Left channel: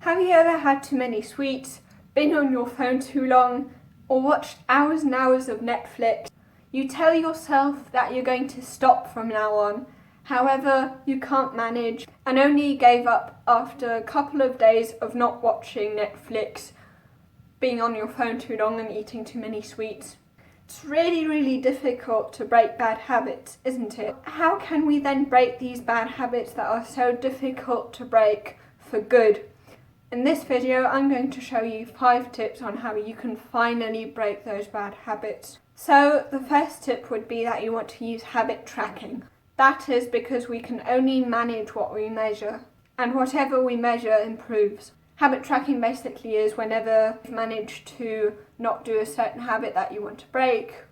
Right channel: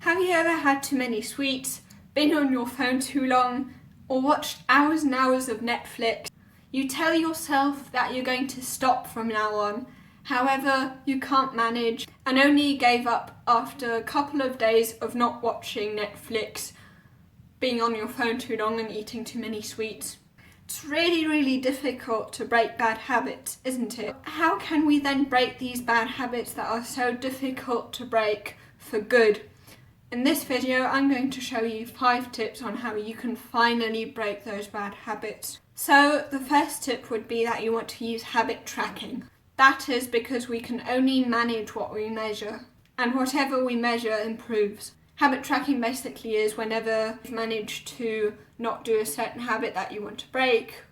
Have you ever had too many sweets, been on your phone too long, or watched hours and hours of Netflix? You tell yourself that you're going to stop from now on, however, you can't manage and only gave up after a couple of days of not watching Netflix, being on your phone too long and eating too many sweets. It's really difficult to break bad habits, isn't it? How can we then break these bad habits that are so difficult to break for good? In this video, I'm going to show you 5 tips on how you can finally break those bad habits. So the first tip would be that you want to use habit tracking. That is because we can only manage what we measure, and whatever we measure improves. Habit tracking basically is whenever you've managed to not do a certain habit that you want to break,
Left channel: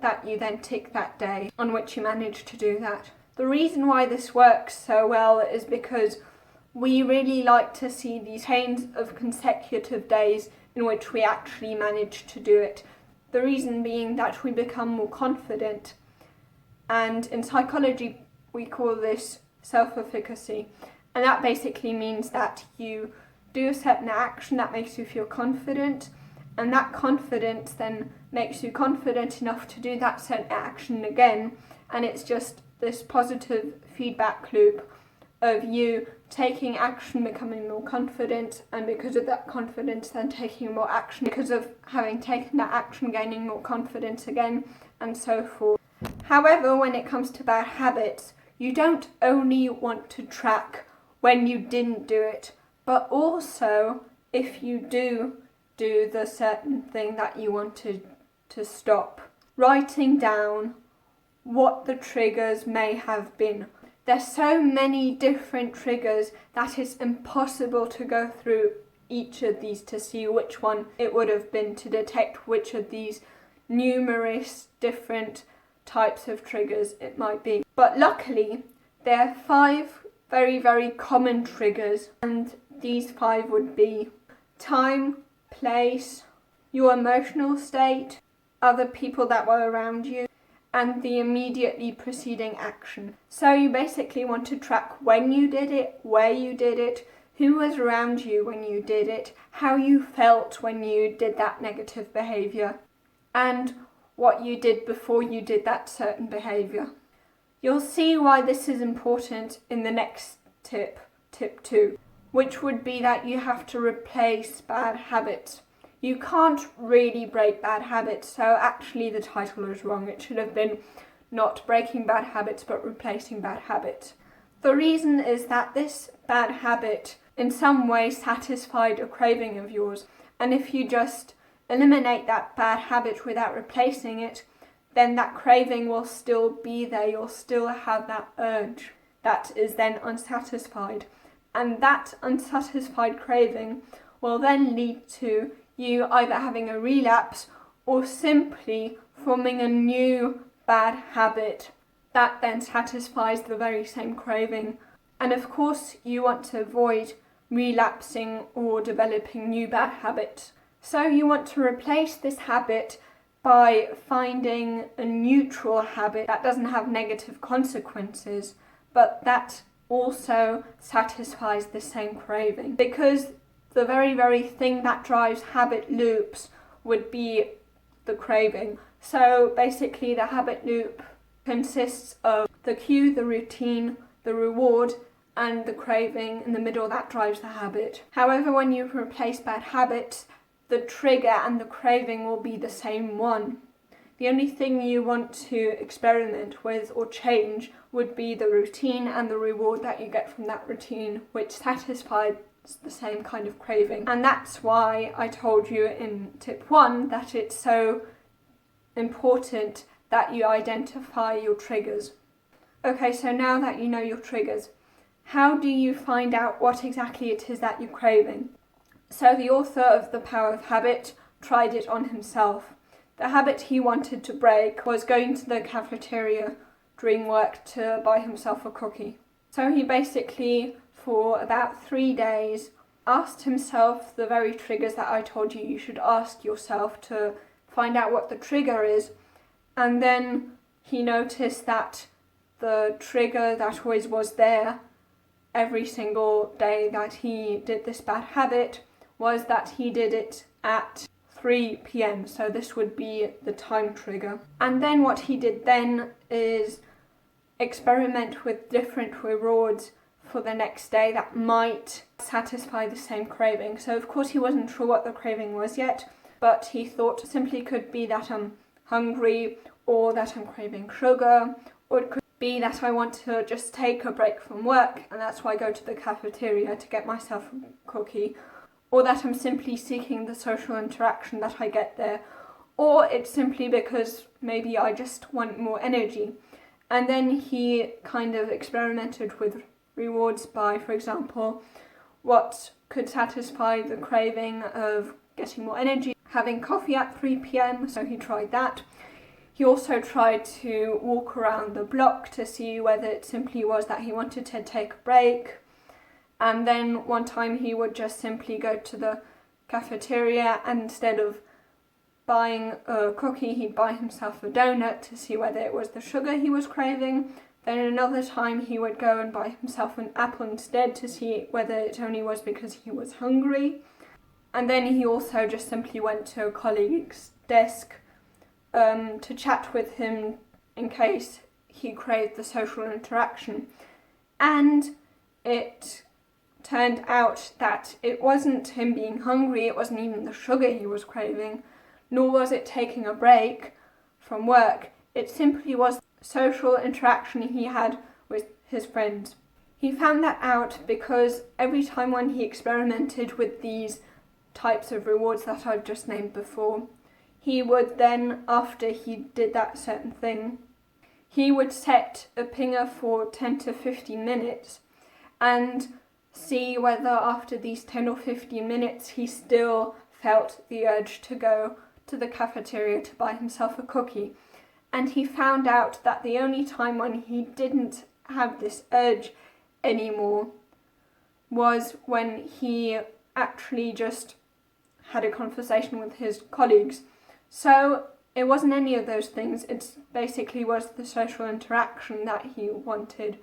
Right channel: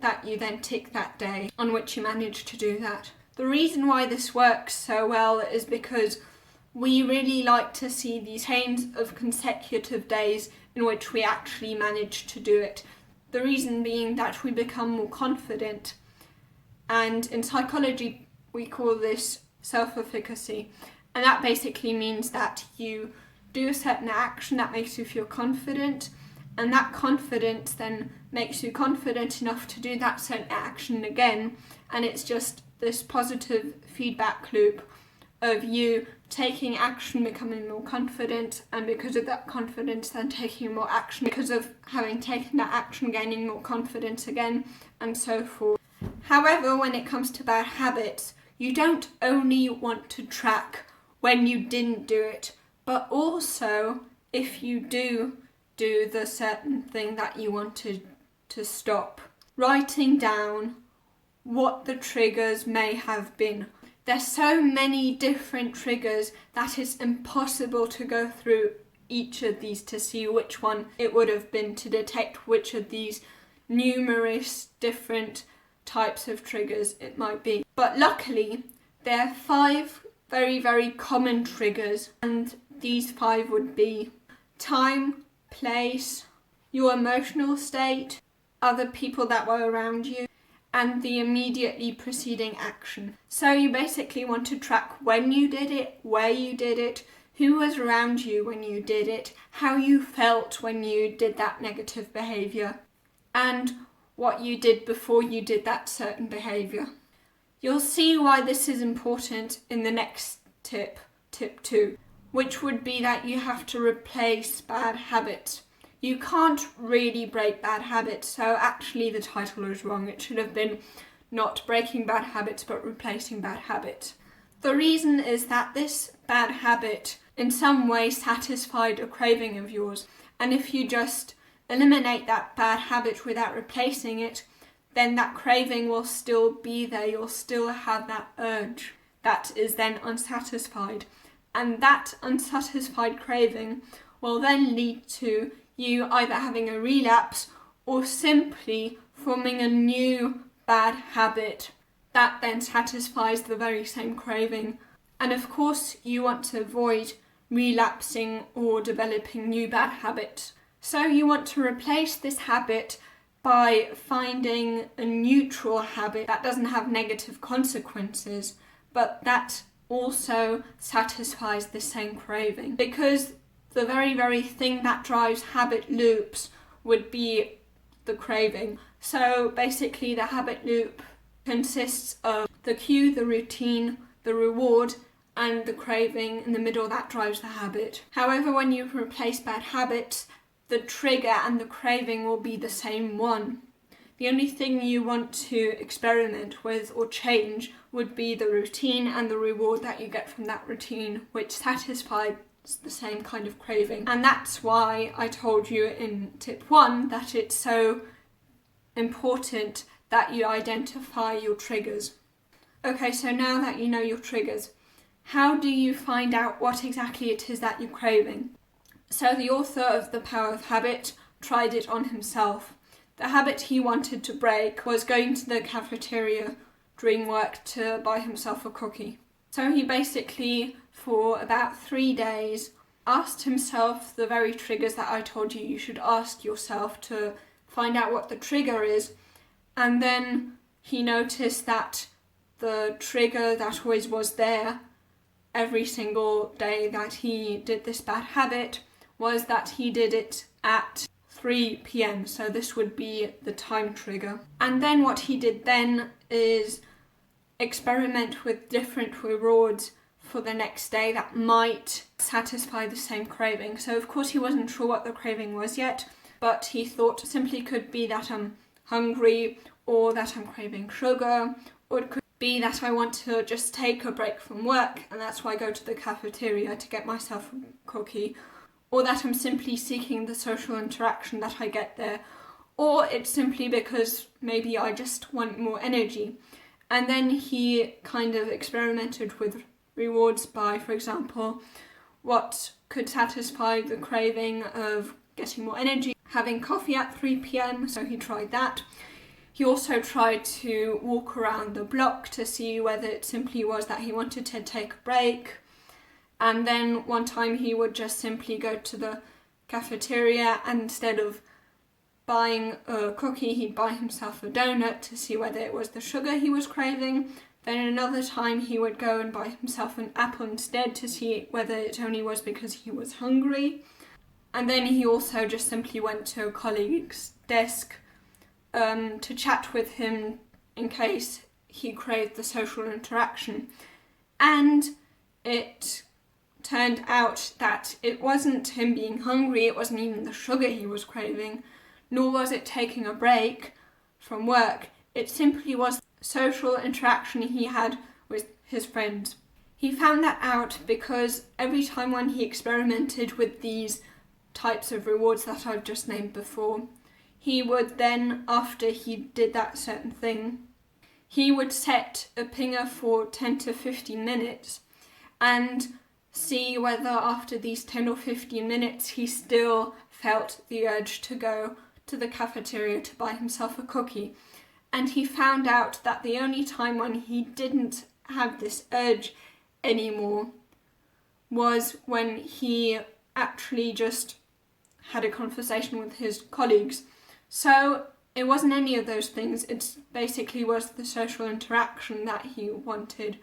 that you then tick that day on which you managed to do that. The reason why this works so well is because we really like to see these chains of consecutive days in which we actually manage to do it. The reason being that we become more confident, and in psychology we call this self-efficacy, and that basically means that you do a certain action that makes you feel confident, and that confidence then makes you confident enough to do that certain action again, and it's just this positive feedback loop of you taking action, becoming more confident, and because of that confidence then taking more action, because of having taken that action gaining more confidence again, and so forth. However, when it comes to bad habits, you don't only want to track when you didn't do it, but also if you do the certain thing that you wanted to stop. Writing down what the triggers may have been. There's so many different triggers that it's impossible to go through each of these to see which one it would have been, to detect which of these numerous different types of triggers it might be. But luckily, there are 5 very common triggers, and these 5 would be time, place, your emotional state, other people that were around you, and the immediately preceding action. So you basically want to track when you did it, where you did it, who was around you when you did it, how you felt when you did that negative behaviour, and what you did before you did that certain behaviour. You'll see why this is important in the next tip, tip 2, which would be that you have to replace bad habits. You can't really break bad habits, so actually the title is wrong. It should have been not breaking bad habits, but replacing bad habits. The reason is that this bad habit in some way satisfied a craving of yours, and if you just eliminate that bad habit without replacing it, then that craving will still be there. You'll still have that urge that is then unsatisfied, and that unsatisfied craving will then lead to you either having a relapse or simply forming a new bad habit that then satisfies the very same craving. And of course you want to avoid relapsing or developing new bad habits. So you want to replace this habit by finding a neutral habit that doesn't have negative consequences, but that also satisfies the same craving. Because the very thing that drives habit loops would be the craving. So basically the habit loop consists of the cue, the routine, the reward, and the craving in the middle that drives the habit. However, when you replace bad habits, the trigger and the craving will be the same one. The only thing you want to experiment with or change would be the routine and the reward that you get from that routine, which satisfies the same kind of craving. And that's why I told you in tip 1 that it's so important that you identify your triggers. Okay, so now that you know your triggers, how do you find out what exactly it is that you're craving? So the author of The Power of Habit tried it on himself. The habit he wanted to break was going to the cafeteria during work to buy himself a cookie. So he basically, for about 3 days, asked himself the very triggers that I told you should ask yourself to find out what the trigger is, and then he noticed that the trigger that always was there every single day that he did this bad habit was that he did it at 3 p.m. So this would be the time trigger. And then what he did then is experiment with different rewards for the next day that might satisfy the same craving. So of course he wasn't sure what the craving was yet, but he thought it simply could be that I'm hungry, or that I'm craving sugar, or it could be that I want to just take a break from work and that's why I go to the cafeteria to get myself a cookie, or that I'm simply seeking the social interaction that I get there, or it's simply because maybe I just want more energy. And then he kind of experimented with rewards by, for example, what could satisfy the craving of getting more energy, having coffee at 3 p.m, so he tried that. He also tried to walk around the block to see whether it simply was that he wanted to take a break. And then one time he would just simply go to the cafeteria, and instead of buying a cookie, he'd buy himself a donut to see whether it was the sugar he was craving. Then another time he would go and buy himself an apple instead to see whether it only was because he was hungry. And then he also just simply went to a colleague's desk to chat with him in case he craved the social interaction. And it turned out that it wasn't him being hungry, it wasn't even the sugar he was craving, nor was it taking a break from work. It simply was social interaction he had with his friends. He found that out because every time when he experimented with these types of rewards that I've just named before, he would then, after he did that certain thing, he would set a pinger for 10 to 15 minutes and see whether after these 10 or 15 minutes he still felt the urge to go to the cafeteria to buy himself a cookie. And he found out that the only time when he didn't have this urge anymore was when he actually just had a conversation with his colleagues. So it wasn't any of those things, it basically was the social interaction that he wanted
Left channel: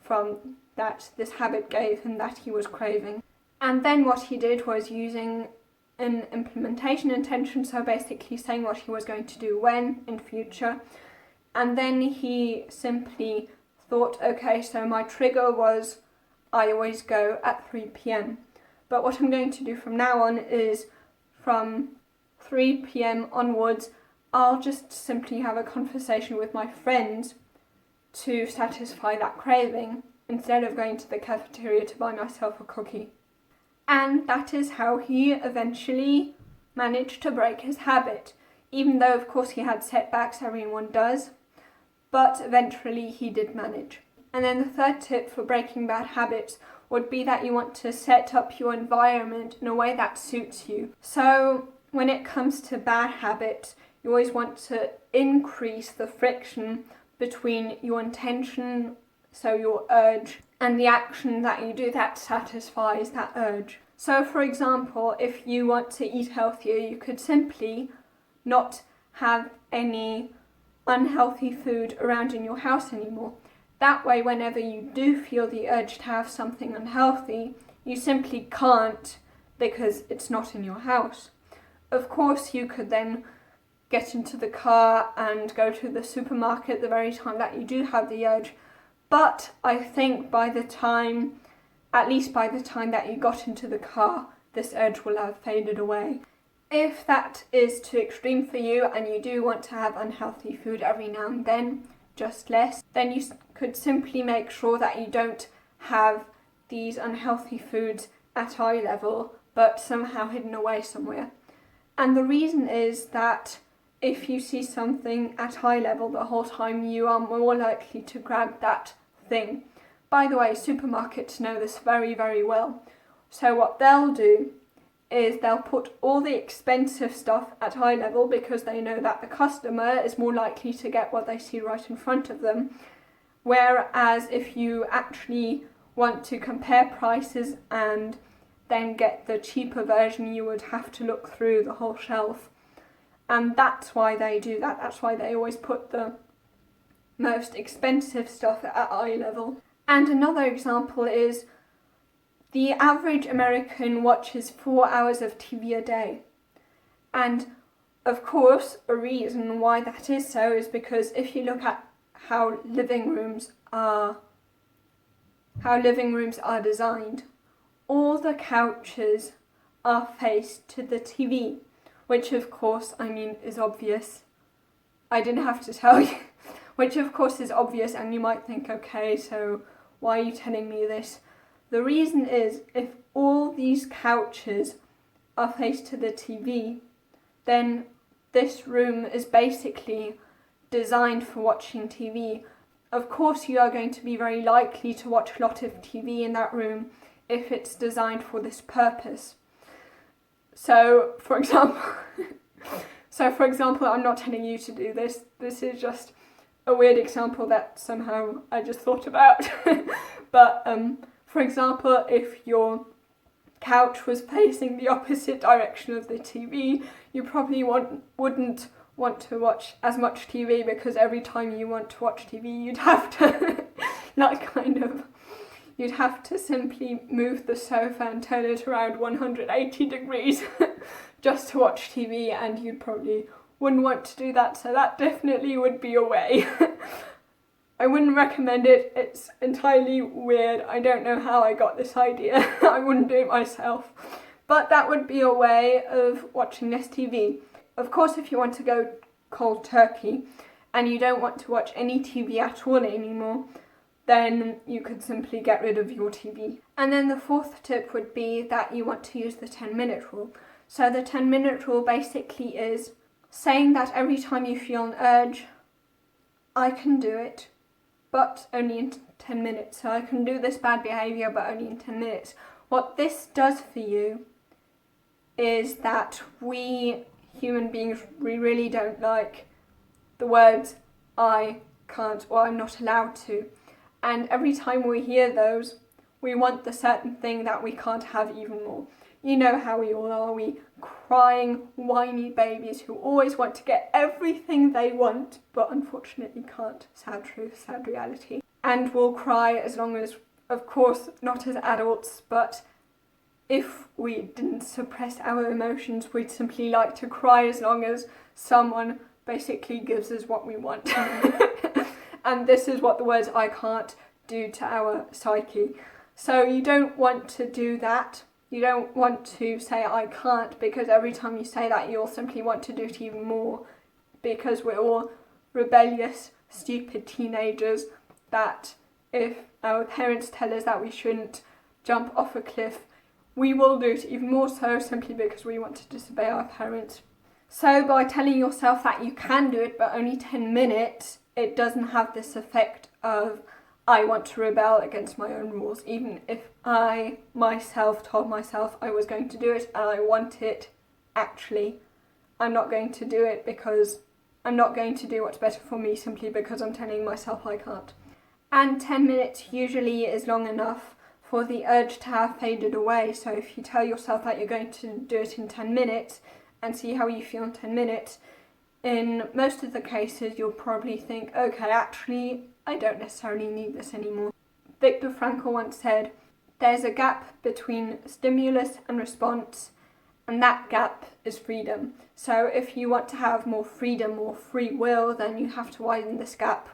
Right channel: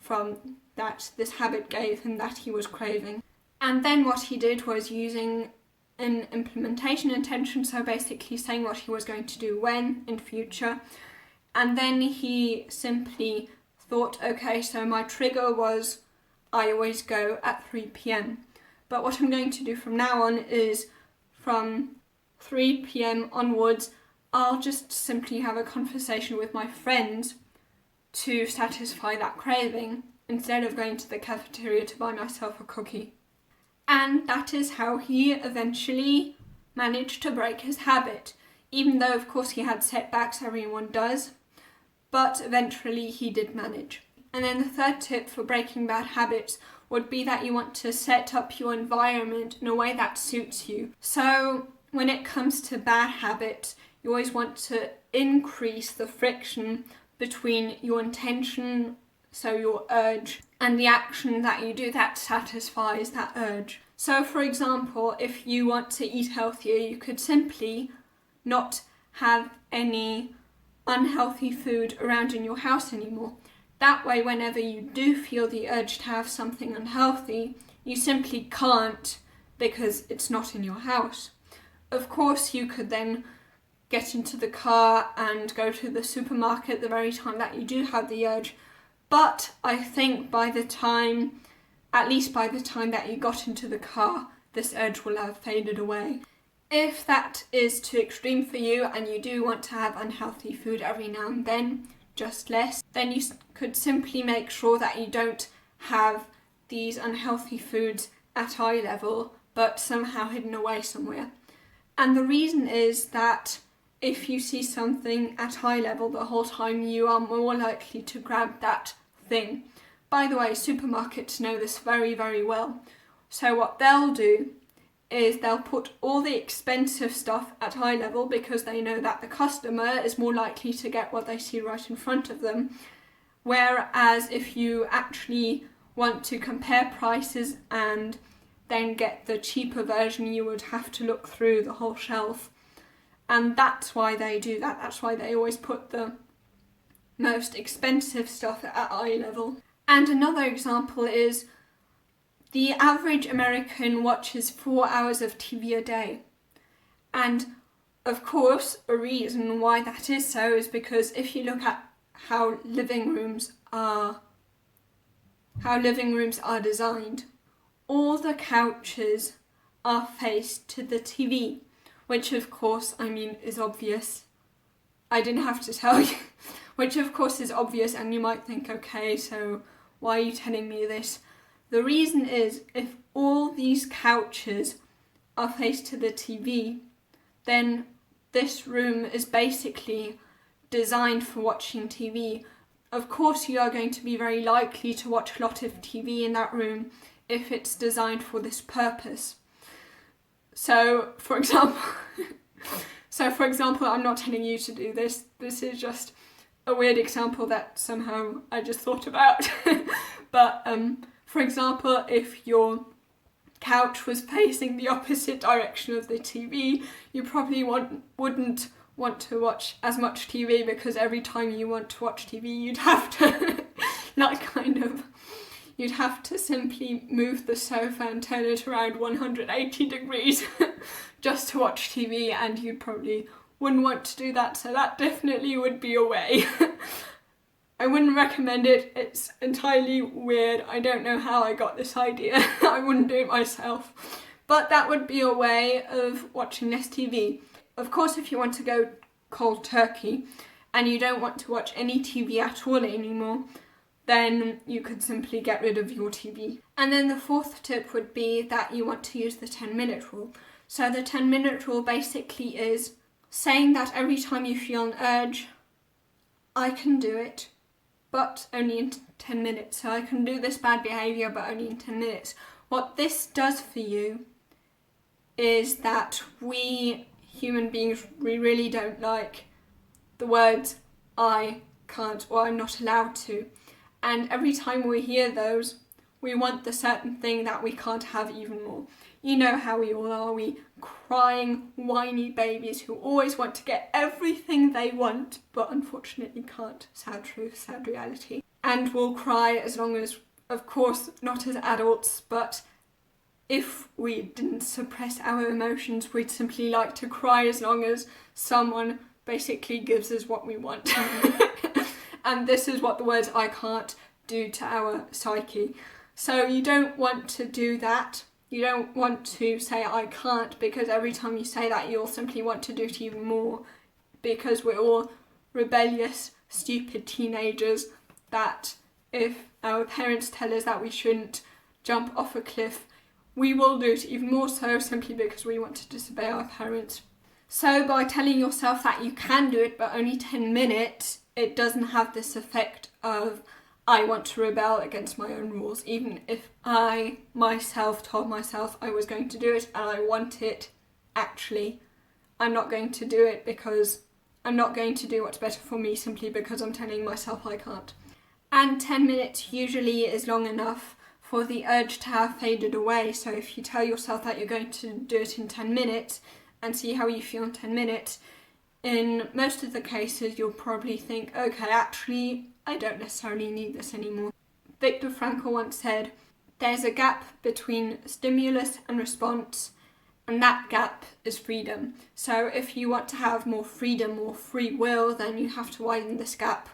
from that this habit gave him that he was craving. And then what he did was using an implementation intention, so basically saying what he was going to do when in future. And then he simply thought, okay, so my trigger was I always go at 3 p.m. But what I'm going to do from now on is from 3 p.m. onwards, I'll just simply have a conversation with my friends to satisfy that craving instead of going to the cafeteria to buy myself a cookie. And that is how he eventually managed to break his habit, even though of course he had setbacks, everyone does, but eventually he did manage. And then the third tip for breaking bad habits would be that you want to set up your environment in a way that suits you. So when it comes to bad habits, you always want to increase the friction between your intention, so your urge, and the action that you do that satisfies that urge. So for example, if you want to eat healthier, you could simply not have any unhealthy food around in your house anymore. That way, whenever you do feel the urge to have something unhealthy, you simply can't because it's not in your house. Of course, you could then get into the car and go to the supermarket the very time that you do have the urge. But I think at least by the time that you got into the car, this urge will have faded away. If that is too extreme for you and you do want to have unhealthy food every now and then, just less, then you could simply make sure that you don't have these unhealthy foods at eye level, but somehow hidden away somewhere. And the reason is that if you see something at eye level the whole time, you are more likely to grab that thing. By the way, supermarkets know this very, very well. So what they'll do is they'll put all the expensive stuff at eye level because they know that the customer is more likely to get what they see right in front of them. Whereas if you actually want to compare prices and then get the cheaper version, you would have to look through the whole shelf. And that's why they do that. That's why they always put the most expensive stuff at eye level. And another example is The average American watches 4 hours of TV a day. And of course, a reason why that is so is because if you look at how living rooms are designed, all the couches are faced to the TV, which of course, is obvious. I didn't have to tell you, which of course is obvious, and you might think, okay, so why are you telling me this? The reason is, if all these couches are faced to the TV, then this room is basically designed for watching TV. Of course, you are going to be very likely to watch a lot of TV in that room if it's designed for this purpose. So, for example, I'm not telling you to do this. This is just a weird example that somehow I just thought about. But, for example, if your couch was facing the opposite direction of the TV, you probably wouldn't want to watch as much TV, because every time you want to watch TV, you'd have to you'd have to simply move the sofa and turn it around 180 degrees just to watch TV, and you probably wouldn't want to do that, so that definitely would be a way. I wouldn't recommend it, it's entirely weird, I don't know how I got this idea, I wouldn't do it myself, but that would be a way of watching less TV. Of course, if you want to go cold turkey and you don't want to watch any TV at all anymore, then you could simply get rid of your TV. And then the fourth tip would be that you want to use the 10-minute rule. So the 10-minute rule basically is saying that every time you feel an urge, I can do it, but only in 10 minutes. So I can do this bad behaviour, but only in 10 minutes. What this does for you is that we human beings, we really don't like the words I can't or I'm not allowed to. And every time we hear those, we want the certain thing that we can't have even more. You know how we all are, we crying, whiny babies who always want to get everything they want, but unfortunately can't. Sad truth, sad reality. And we'll cry as long as, of course, not as adults, but if we didn't suppress our emotions, we'd simply like to cry as long as someone basically gives us what we want. And this is what the words I can't do to our psyche. So you don't want to do that. You don't want to say I can't, because every time you say that, you'll simply want to do it even more, because we're all rebellious, stupid teenagers that if our parents tell us that we shouldn't jump off a cliff, we will do it even more so, simply because we want to disobey our parents. So by telling yourself that you can do it, but only 10 minutes, it doesn't have this effect of I want to rebel against my own rules. Even if I myself told myself I was going to do it and I want it, actually, I'm not going to do it, because I'm not going to do what's better for me simply because I'm telling myself I can't. And 10 minutes usually is long enough for the urge to have faded away. So if you tell yourself that you're going to do it in 10 minutes and see how you feel in 10 minutes, in most of the cases you'll probably think, okay, actually, I don't necessarily need this anymore. Viktor Frankl once said, there's a gap between stimulus and response, and that gap is freedom. So if you want to have more freedom or free will, then you have to widen this gap.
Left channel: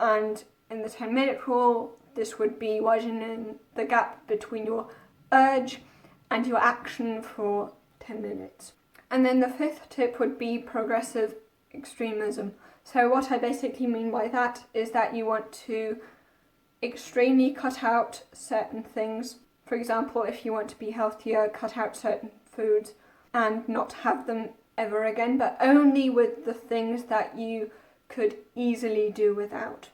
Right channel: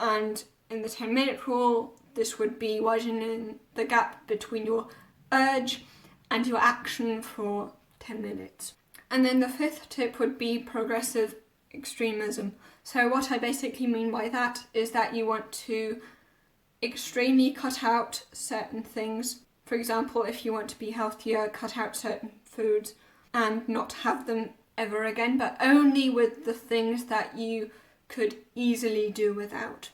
And in the 10-minute rule, this would be widening the gap between your urge and your action for 10 minutes. And then the fifth tip would be progressive extremism. So what I basically mean by that is that you want to extremely cut out certain things. For example, if you want to be healthier, cut out certain foods and not have them ever again, but only with the things that you could easily do without.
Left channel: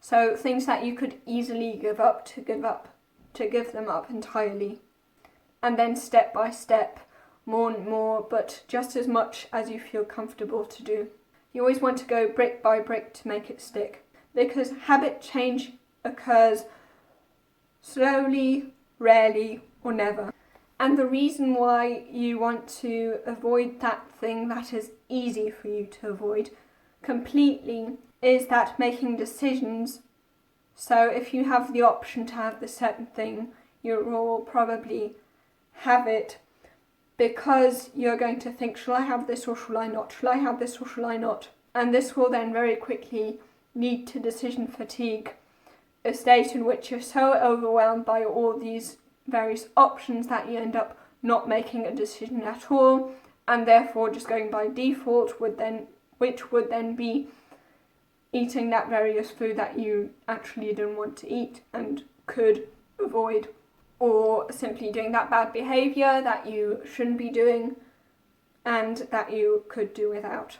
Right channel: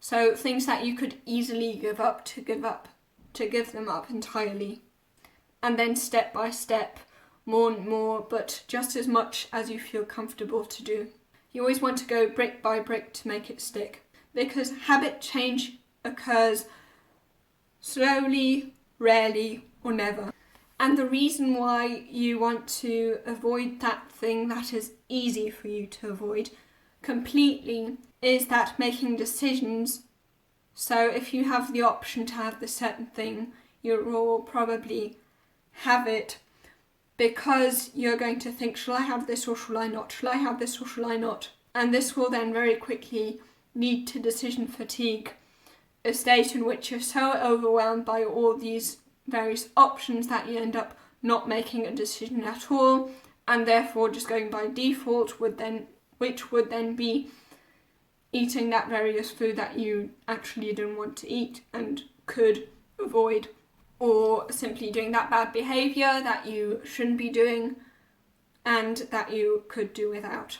So things that you could easily give them up entirely. And then step by step, more and more, but just as much as you feel comfortable to do. You always want to go brick by brick to make it stick, because habit change occurs slowly, rarely, or never. And the reason why you want to avoid that thing that is easy for you to avoid completely is that making decisions. So if you have the option to have this certain thing, you will probably have it because you're going to think, shall I have this or shall I not? Shall I have this or shall I not? And this will then very quickly lead to decision fatigue, a state in which you're so overwhelmed by all these various options that you end up not making a decision at all, and therefore just going by default, which would then be eating that various food that you actually didn't want to eat and could avoid, or simply doing that bad behaviour that you shouldn't be doing and that you could do without.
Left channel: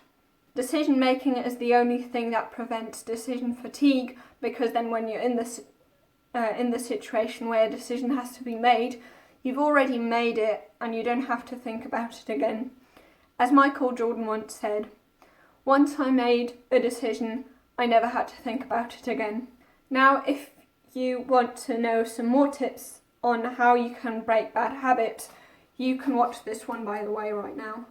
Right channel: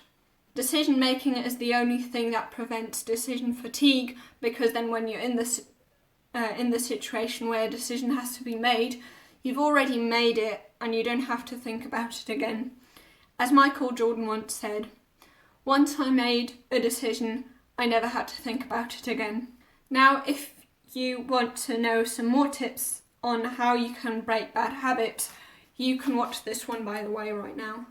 Decision making is the only thing that prevents decision fatigue, because then when you're in the situation where a decision has to be made, you've already made it and you don't have to think about it again. As Michael Jordan once said, once I made a decision, I never had to think about it again. Now, if you want to know some more tips on how you can break bad habits, you can watch this one, by the way, right now.